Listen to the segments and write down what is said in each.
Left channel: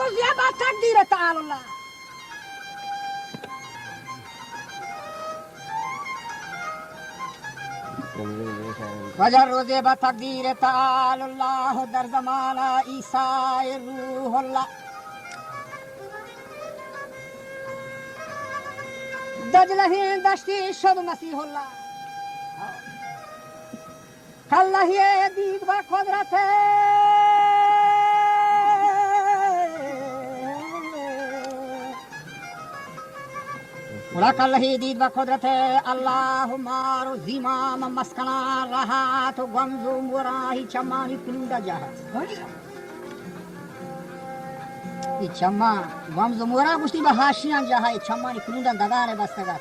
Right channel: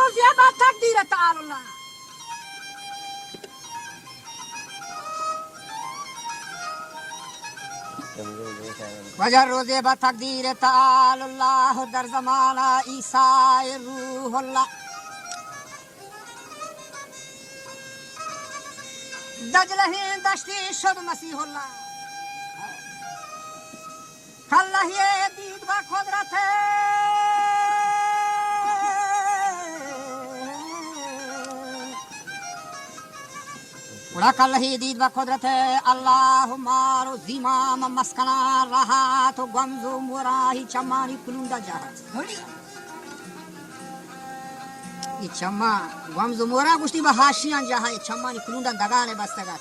روزی با تقدیر تعالی وجر روزی با تقدیر تعالی الله در زمان عیسی روح الله دجله دشتی شد مسیح الله کالله دید با قدرت کالله دید با قدرت الله مارو زیمام مسکنا راحت و گمزو موراهی چمانی کنونده جهت ای چما گمزو مورا گوشتی به هاشیان جاهای چمانی کنونده دگانه بستگت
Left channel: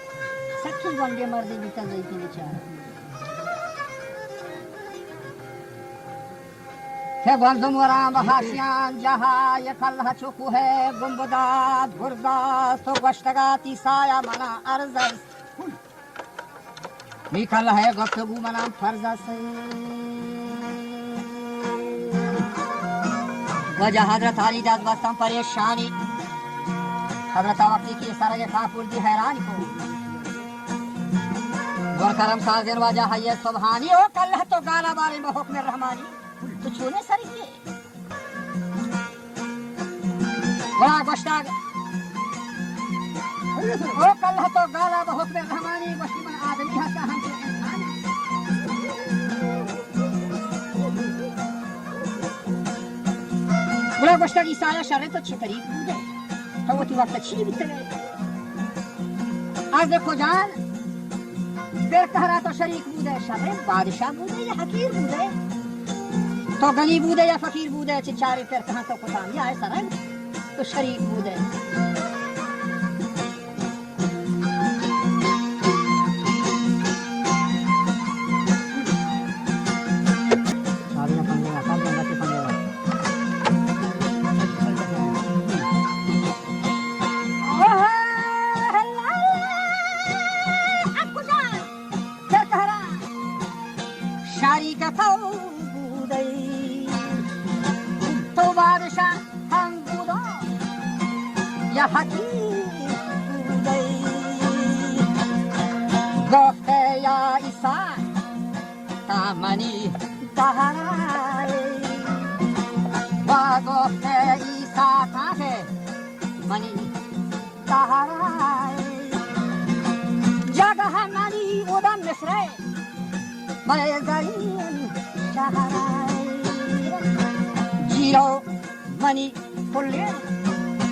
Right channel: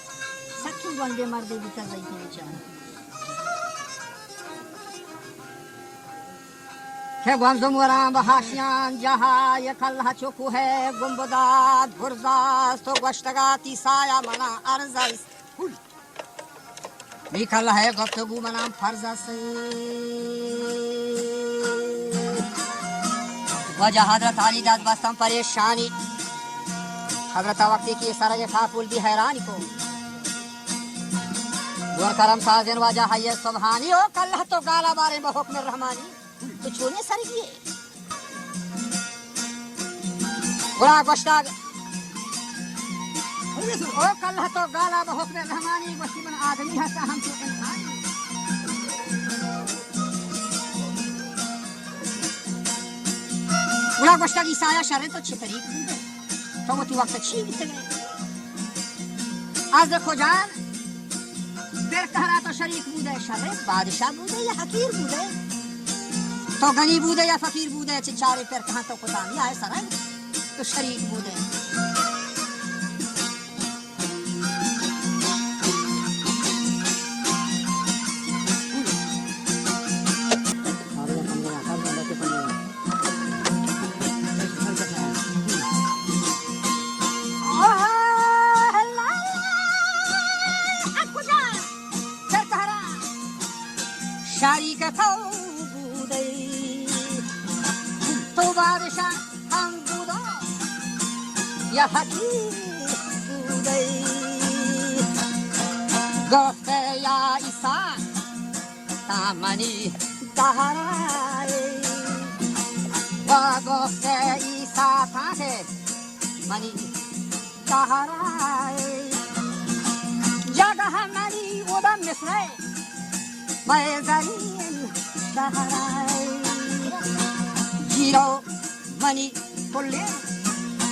سکی گنده مردی بیتا زیتی بیچاره که گمزو مورا به هاشیان جاهای کله چکو ہے گمبداد گرزاست و گوشتگاتی سایه منا عرض است می کله ہے گفتگو منم فرض است وجہ حضرت علی داد بستم پریشانی حضرت وقتی کی سرے کافل دی حیرانی کو ور کرم سازن وجہ ہے سبحانی او کلہ تو گالا بارے میں حکم رحمانی تو چونے سر کیے گلا گشتاگ او کلہ تو گالا میں حکم رحمانی گشتی من آدمی ہتا ہم تو انسان گلا گشتاگ عیسی شر تو چه طریق بوده تو وقتی وقت چی بیتله از کجان در کهرا تو شریک بوده شر بادشاہ بوده یا حقیر بوده تو غنی بوده یا فقیر بوده چه چاره پر کهان تو کتانی آئے سرن تو شریک بوده یا حقیر بوده گفته یا عیسی تا منی دهرای و گفته عیسی تا که منی دهرای جگه منی بودم مصره من زرین شهرای جیرو منی کلی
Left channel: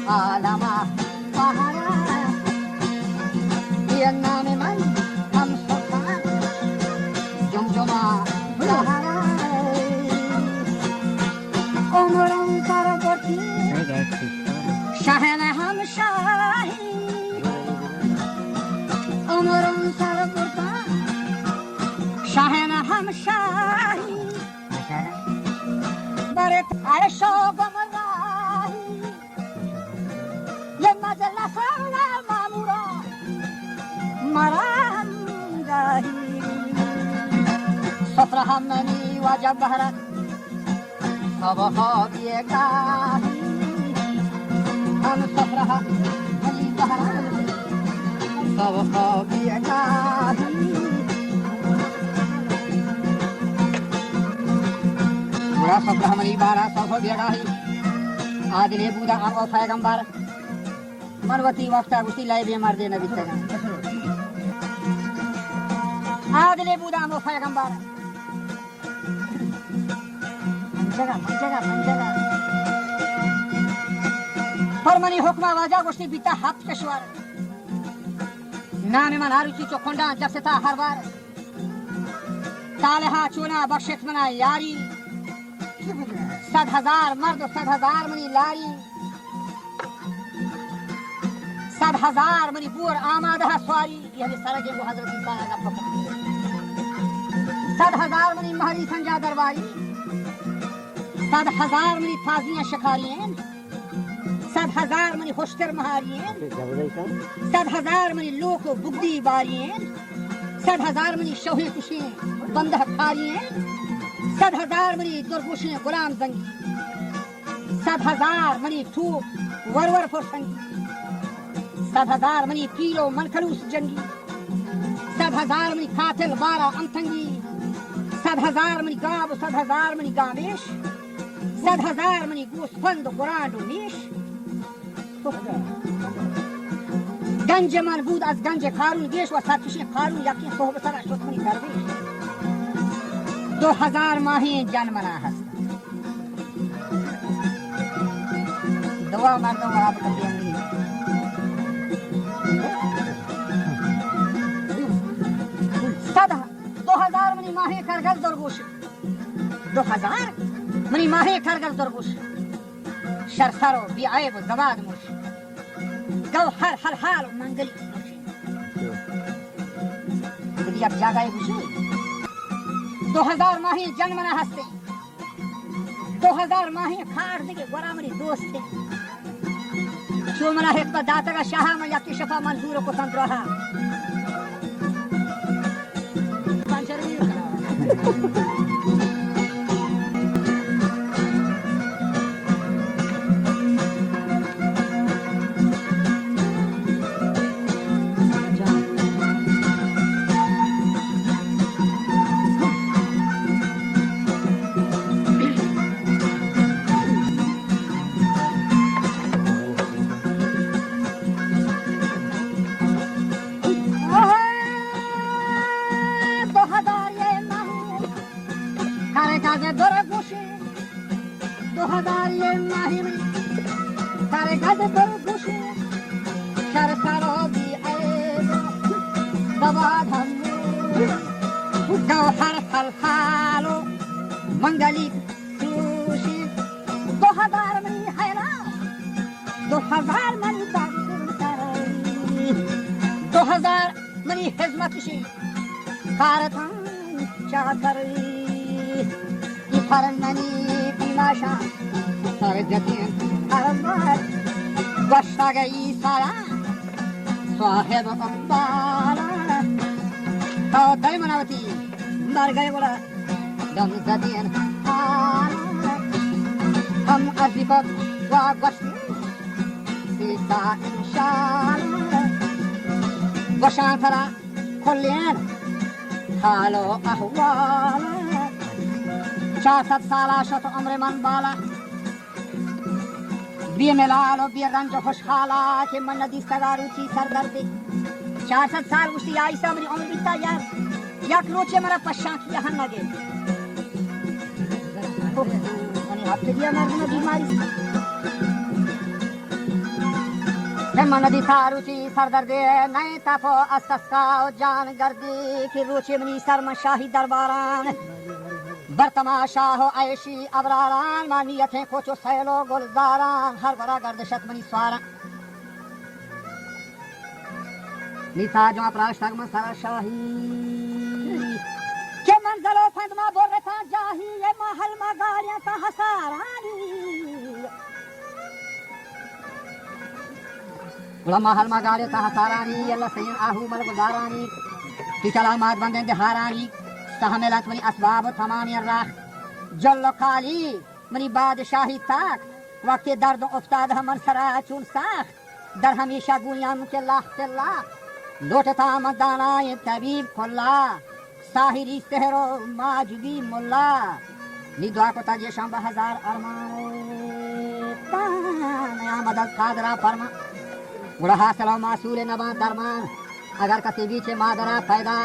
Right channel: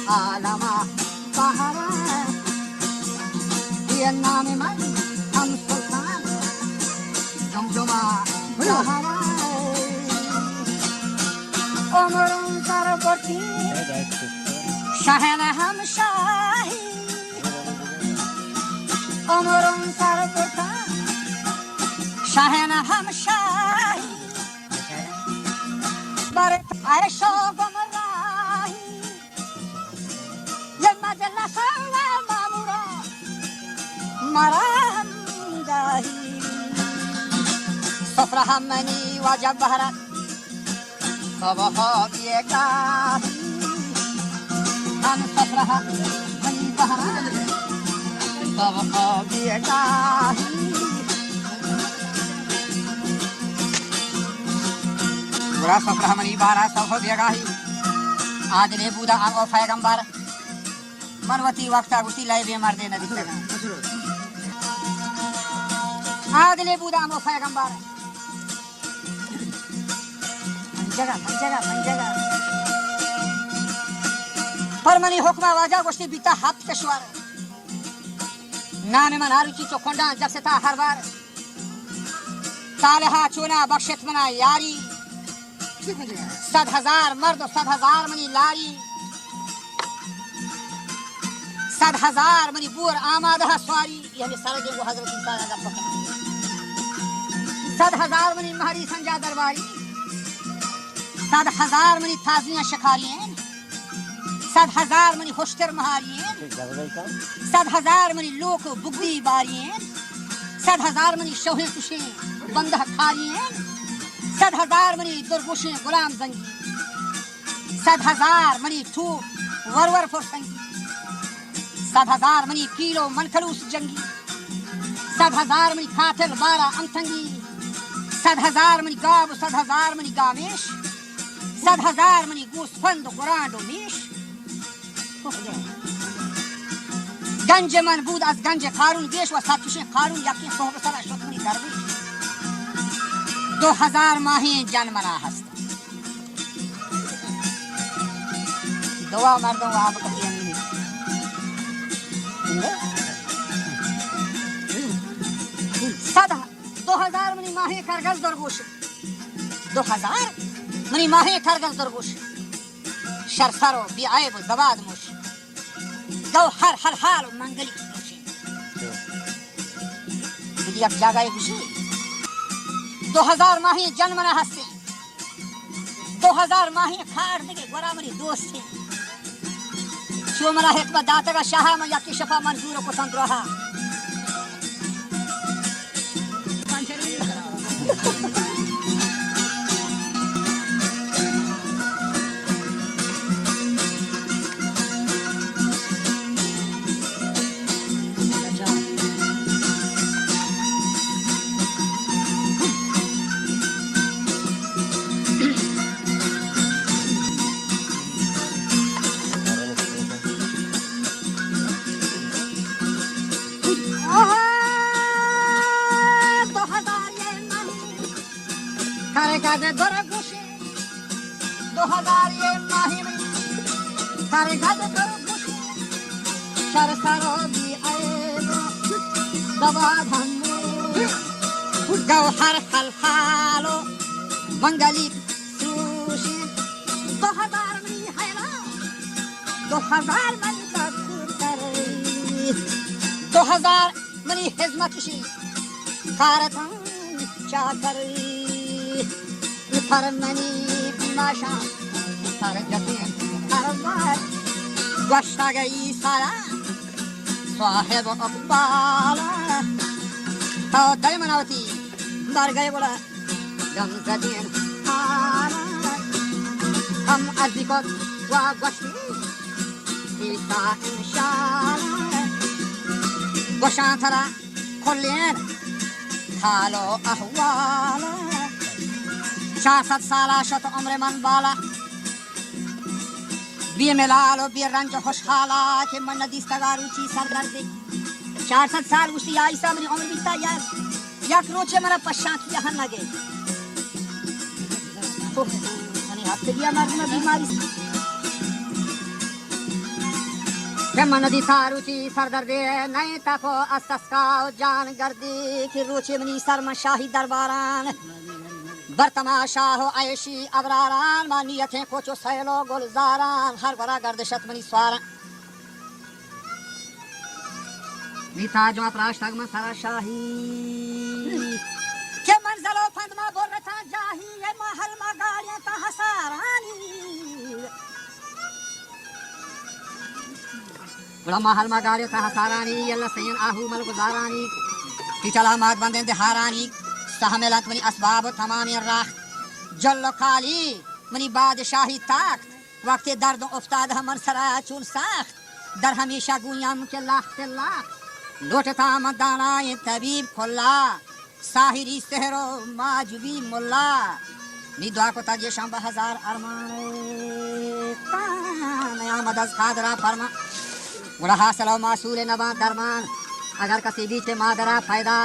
عالم بهاره یه نام من هم سلطان جمجمه بهاره عمرم سر برتی شهن هم شاهی عمرم سر برتا شهن هم شاهی برت عیش و گمراهی مجلس مامورا مرام داهی سفره همانی واجب بهرت بابا بیگاهی هم سفره همانی بهرت بابا بیگاهی برا سفره همانی بارا سوف بیگاهی عادل بودا ام او پیغمبر मनवती वक्ता गुस्ती लाई बीमार दे नबी तक आदले बुदा मो पैगंबर जगह परमनी हुक्मा वाजा गुस्ती बीता हाथ कशवार नाम मन हारुची चोखंडा जब से था हर बार तालहा चुना बख्शत मना यारी 100,000 मर्द 100,000 मनी लारी 100,000 मनी पूर आमादा स्वारी यानी सारा के वो हजरत ईसा अल्लाह पकड़ 100,000 मनी महरी संजा दरबारी 100,000 मनी ताजियां शिकारियां 100,000 मनी खुशतर महारियां 100,000 मनी लोक बुगदी बारियां 100,000 मनी शोहे तुशे बंदा खारियां 100,000 मनी दुर्गुशे गुलाम जंगी 100,000 मनी ठूप वरवर फुरसंगी 100,000 मनी पीलो मनखलूस जंगी 100,000 मनी कातिल बारा अंतंगी 100,000 मनी गाब 100,000 मनी गावेश 100,000 मनी गोस्फंद गुरांडो मीश गंज मन بود از गंज قارون گیش و ساتوش قارون یکی صحبت سر شتمنی درویش 2,000 ماهی جان منا هست دعا مردم و آب کبھی نہیں 2,000 منی ماهی کرگز درگوش 2,000 منی ماهی کرگز درگوش شرسر و بیعیب و زباد موش گوهر حل حال و منگلی نوشی بودی یک جاگای گوشی 2,000 ماهی جن منا هستی 2,000 ماهی کار دیگه گورا منی دوستی شو منا حکمت داتگا شاها من یکی شفا منظور کو سندروها गौहर हल हालो मंगली सुशी 2,000 मनी हैला 2,000 मनी बाबू 2,000 मनी हिजमत शी कारतां चाकर फरमनी बिमाशा सरगतिन अरमात वशा गई सारा साहेब अब्बाला तो दल मनावती मर गए बोला गंगतिन हम अदिबत वागवती सीता इंशाल वशांतरा खुलेन हालो अहवाल 400 साला शत उम्र मन बाला बी मिलालो बी रंज खुशहाला के मन दिस्तगारू ची सरदर्दी 400 साल उसी आयसा मेरी उम्र बीता यार या रोचे मेरा पश्चात यहाँ लगे मैंने हफ्ते दिया मर्द में बीमारी मैं मन दिखारू ची सरदर्दी नहीं तापो अस्सका जान गर्दी कि रोचे मनी शर्म शाही दरबारान बरतमाशा हो ऐशी अबरारान मानियतें कोचो सैलो गुलजारान हर बरा गर्दशत मनी स्वारा नीता जो अपराश्तग में सारा शाही के मंजलो फंद में बोल रहा जाही ये महल में गालियां का हसारानी बड़ा महल में गालियां का हसारानी अल्लाह सैन आहू मल गुजारानी कि चला मात बंदे दहारानी सहमेलत मनी असबाब तमाम राख जल्लो काली मनी बादशाही ताकत वक्त दर्द उफ्ताद हमन सरा चून साख्त दर हमेशा गुयाम के लाख लोटता मदाना ये तबीब खुल्ला साहिरी सहरो माजबी मुल्ला नी दुआ को ताजे शाम 1000 अरमान नया मदद खादरा फरमा गुड़ा हासिल मासूल नबा दरमान अगर कसी बीच मादरा पैदा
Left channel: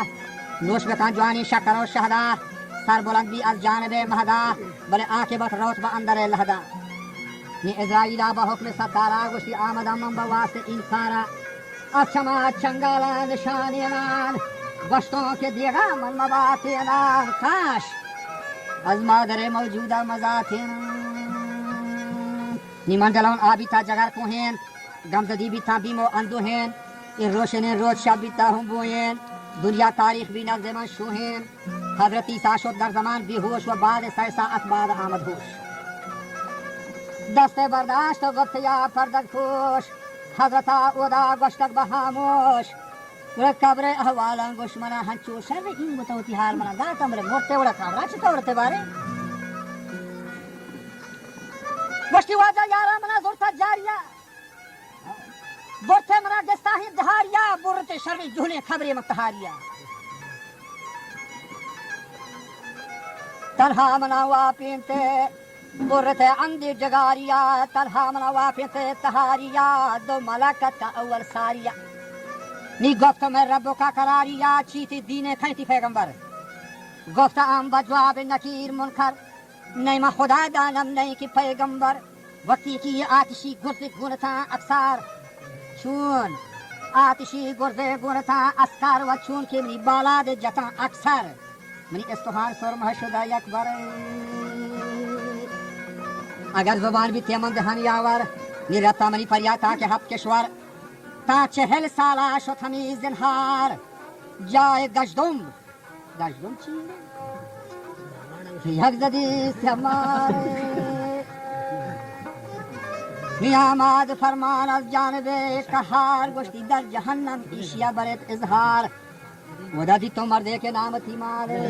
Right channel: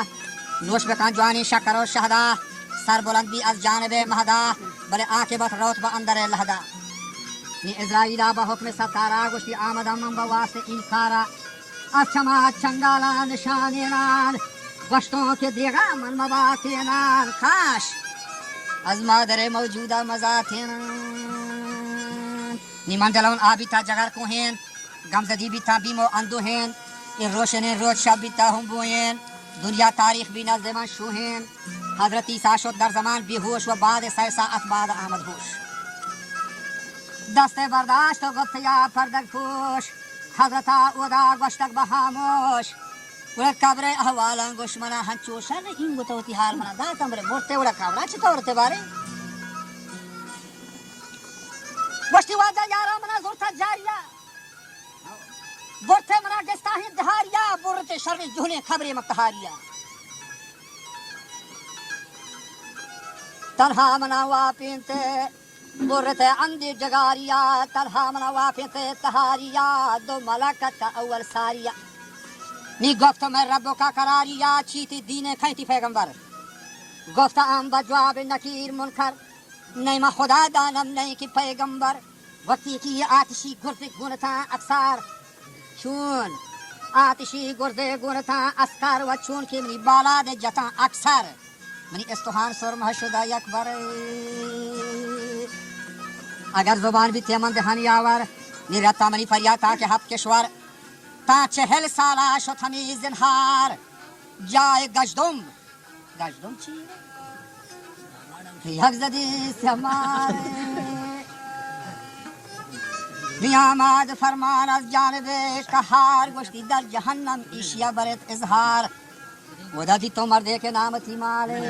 नोश में जवानी शक्कर और शहदा सर बुलंदी अज जानबे महदा बले आकिबत रोत ब अंदर लहदा नी इज़राइला बहुक्म सतारा गुश्ती आमद अम्म बवासे इकारा अक्षमा चंगाला निशानेनान गश्तों के देगा मन मबातेनान काश अज मादरे मौजूदा मजातेनान नी मंजलों आबिता जगर कोहेन गमजदी बिता बीमो अंदोहेन इन रोशने रोज शब बिता हम बोएन दुनिया तारीख भी नज़मान शोहेन हजरत ईसा शुद दर जमान बेहोश व बाद सैसा अतबाद आमद होश दस्ते बर्दाश्त वक्त या पर्दक खोश हजरता उदा गोश्तक बहामोश उड़ा कब्र अहवाला गोशमना हंचो शर इन बुतो तिहार मना दा तमरे मोटे उड़ा कब्रा चिता उड़ते बारे वष्टी वाजा यारा मना जोरता जारिया बोरते मना गस्ताही दहारिया बोरते शर्वे जुहने खबरे मक्तहारिया तलहा मनावा पीनते बोरते अंदे जगारिया तलहा मनावा पीनते तहारिया दो मलाकत अव्वल सारिया नी गफ्त में रब्बो का करारिया चीती दीने खैती पैगंबर गफ्त आम बजवाब नकीर मुनकर नहीं मा खुदा दानम नहीं की पैगंबर वक्ती की ये आतिशी गुर्दे गुनता अक्सार चून आतिशी गुर्दे गुनता अस्कार व चून के मनी बाला दे जता अक्सर मनी इस्तुहान सुर महशुदा यकबर अगर जुबान भी तेमन दहानी आवर निरता मनी फरियाता के हाथ के स्वर ता चहल साला शत हमीज जिनहार जाए गजदुम चीने यकजदी से हमारे नियामत फरमान अज जानबे कहार गोश्ती दर जहन्नम इशिया बरत इजहार वदादी तो मर्दे के नाम थी माले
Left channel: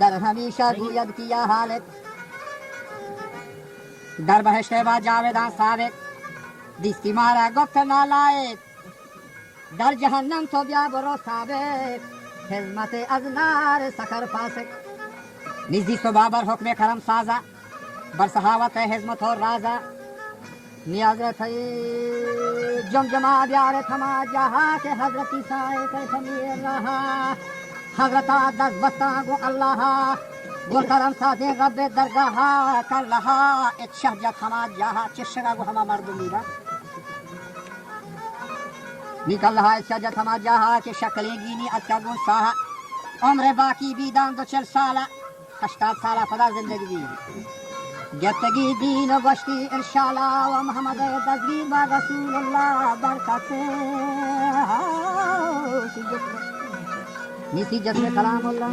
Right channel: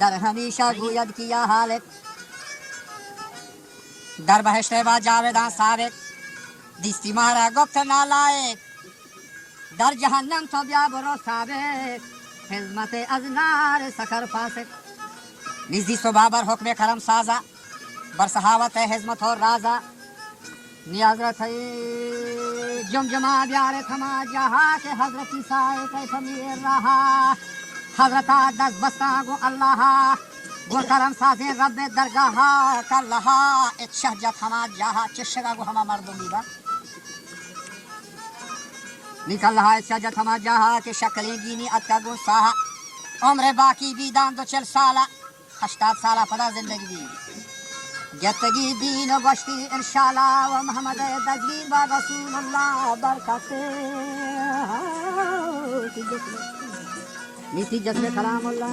दर हमेशा गुयद किया हालत दर बहश्ते बा जावेदा साबित दिस्ती मारा गुप्त नालायक दर जहन्नम तो ब्या बरो साबित खिदमत अजनार सखर फासिक निजी सुबाबर हुक्म करम साजा बरसहावत हिजमत और राजा नियाजरत जमजमा ब्यार थमा जहा के हजरती साए कैफ मेर रहा हजरता दस बस्ता गो अल्लाह गो करम साजे रब्बे दरगाह कल्लाह इच्छा जत हमा जहा चिशगा गो हमा मर्दुमी बा निकल रहा इच्छा जत हमा जहा के शक्लें गिनी अत्का गो साहा उम्र बाकी भी दान दो चल साला 80 साला पदा जिंदगी जतगी दीन बश्ती इंशाल्लाह व मोहम्मद तस्वीर बा रसूलुल्लाह बरकते नीति जज्बे कलामुल्लाह।